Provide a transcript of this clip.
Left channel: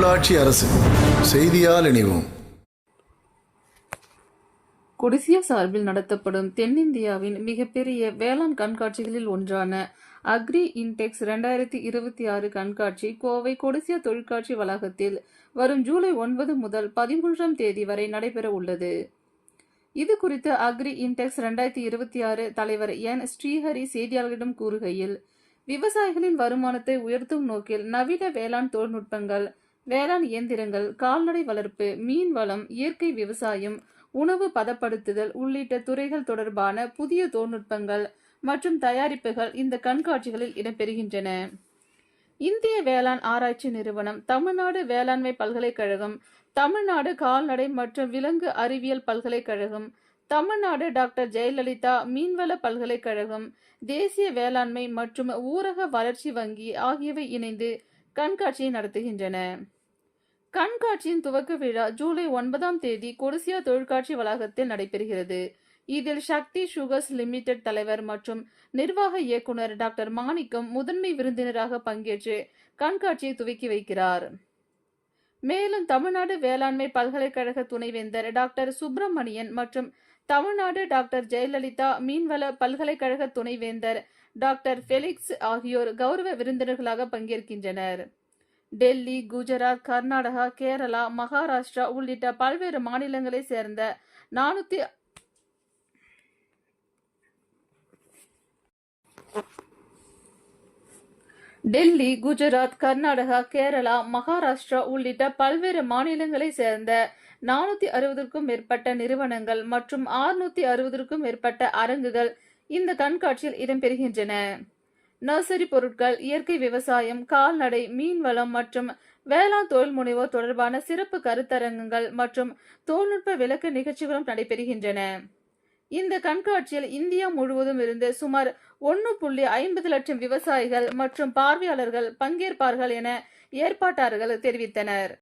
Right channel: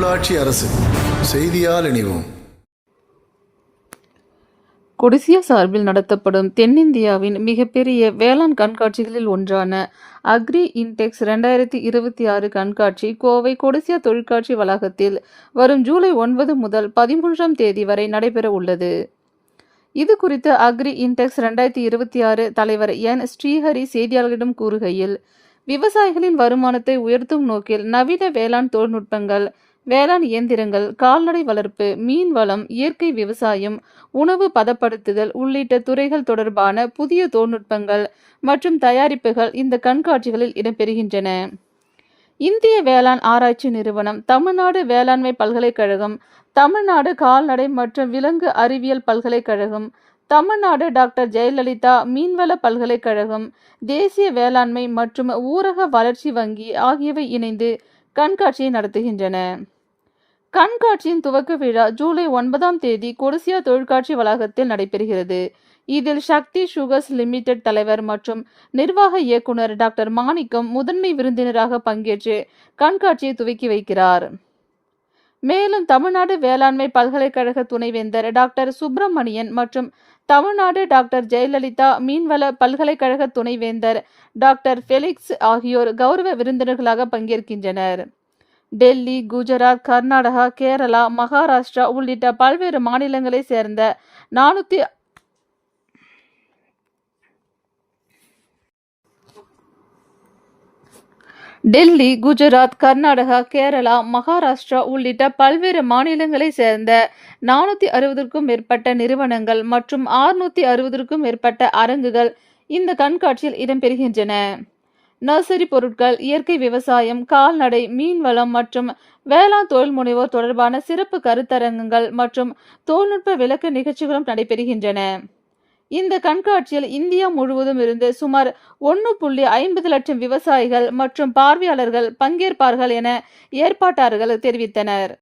உள்ளாட்சி அரசு செய்தியால் இணைவோம். கொடிசியா சார்பில் நடத்தப்படும் தென்னிந்தியாவின் மிகப்பெரிய வேளாண் கண்காட்சிகளில் ஒன்றான அக்ரி இன்டெக்ஸ் 2026 கண்காட்சி கோவை கொடிசியா தொழிற்காட்சி வளாகத்தில் வரும் ஜூலை 9 முதல் 13ஆம் தேதி வரை நடைபெற உள்ளது. இது குறித்து அக்ரி இன்டெக்ஸ் 2026 தலைவர் என் ஸ்ரீஹரி செய்தியாளர்களிடம் கூறுகையில், விவசாயிகளின் வருமானத்தை உயர்த்தும் நோக்கில் நவீன வேளாண் தொழில்நுட்பங்கள், வேளாண் இயந்திரங்கள், கால்நடை வளர்ப்பு, மீன் வளம், இயற்கை விவசாயம், உணவு பதப்படுத்துதல் உள்ளிட்ட துறைகள் தொடர்பான புதிய தொழில்நுட்பங்கள் மற்றும் தயாரிப்புகள் இந்த கண்காட்சிகளில் இடம்பெறுகின்றன. இந்திய வேளாண் ஆராய்ச்சி நிறுவனம், தமிழ்நாடு வேளாண்மை பல்கலைக்கழகம், தமிழ்நாடு கால்நடை மற்றும் விலங்கு அறிவியல் பல்கலைக்கழகம், தமிழ்நாடு டாக்டர் ஜெயலலிதா மீன்வள பல்கலைக்கழகம், தேசிய வேளாண்மை மற்றும் ஊரக வளர்ச்சி வங்கி ஆகியவை இணைந்து கண்காட்சியை நடத்துகின்றன. கண்காட்சியின் துவக்க விழா ஜூலை 9ஆம் தேதி கொடிசியா தொழிற்காட்சி வளாகத்தில் நடைபெறுகிறது. இதில் சக்தி சுகர்ஸ் லிமிடெட் தலைவர் மற்றும் நிர்வாக இயக்குனர் டாக்டர் மாணிக்கம் முதன்மை விருந்தினராக பங்கேற்று கண்காட்சியை துவக்கி வைக்கிறார். மேலும் தமிழ்நாடு வேளாண்மை பல்கலைக்கழக துணைவேந்தர் டாக்டர் சுப்பிரமணியன் மற்றும் தமிழ்நாடு டாக்டர் ஜெயலலிதா மீன்வள பல்கலைக்கழக துணைவேந்தர் டாக்டர் ஃபெலிக்ஸ் ஆகியோர் கௌரவ விருந்தினர்களாக பங்கேற்கின்றனர். டெல்லி, குஜராத், கர்நாடகா, கேரளா, மகாராஷ்டிரா உள்ளிட்ட பல்வேறு மாநிலங்களை சேர்ந்த 400 டெல்லி, குஜராத், கர்நாடகா, கேரளா, மகாராஷ்டிரா உள்ளிட்ட பல்வேறு மாநிலங்களை சேர்ந்த 460க்கும் மேற்பட்ட நிறுவனங்கள் மற்றும் 660க்கும் மேற்பட்ட அரங்குகள் இந்த கண்காட்சியில் இடம்பெறுகின்றன. நர்சரி பொருட்கள், இயற்கை விவசாயம், கால்நடை, மீன்வளம் மற்றும் வேளாண் தொழில் முனைவோர் தொடர்பான சிறப்பு கருத்தரங்குகள் மற்றும் தொழில்நுட்ப விளக்க நிகழ்ச்சிகளும் நடைபெறுகின்றன. இந்த கண்காட்சியில் இந்தியா முழுவதும் இருந்து சுமார் 1.50 லட்சம் விவசாயிகள் மற்றும் பார்வையாளர்கள் பங்கேற்பார்கள் என ஏற்பாட்டாளர்கள் தெரிவித்தனர்.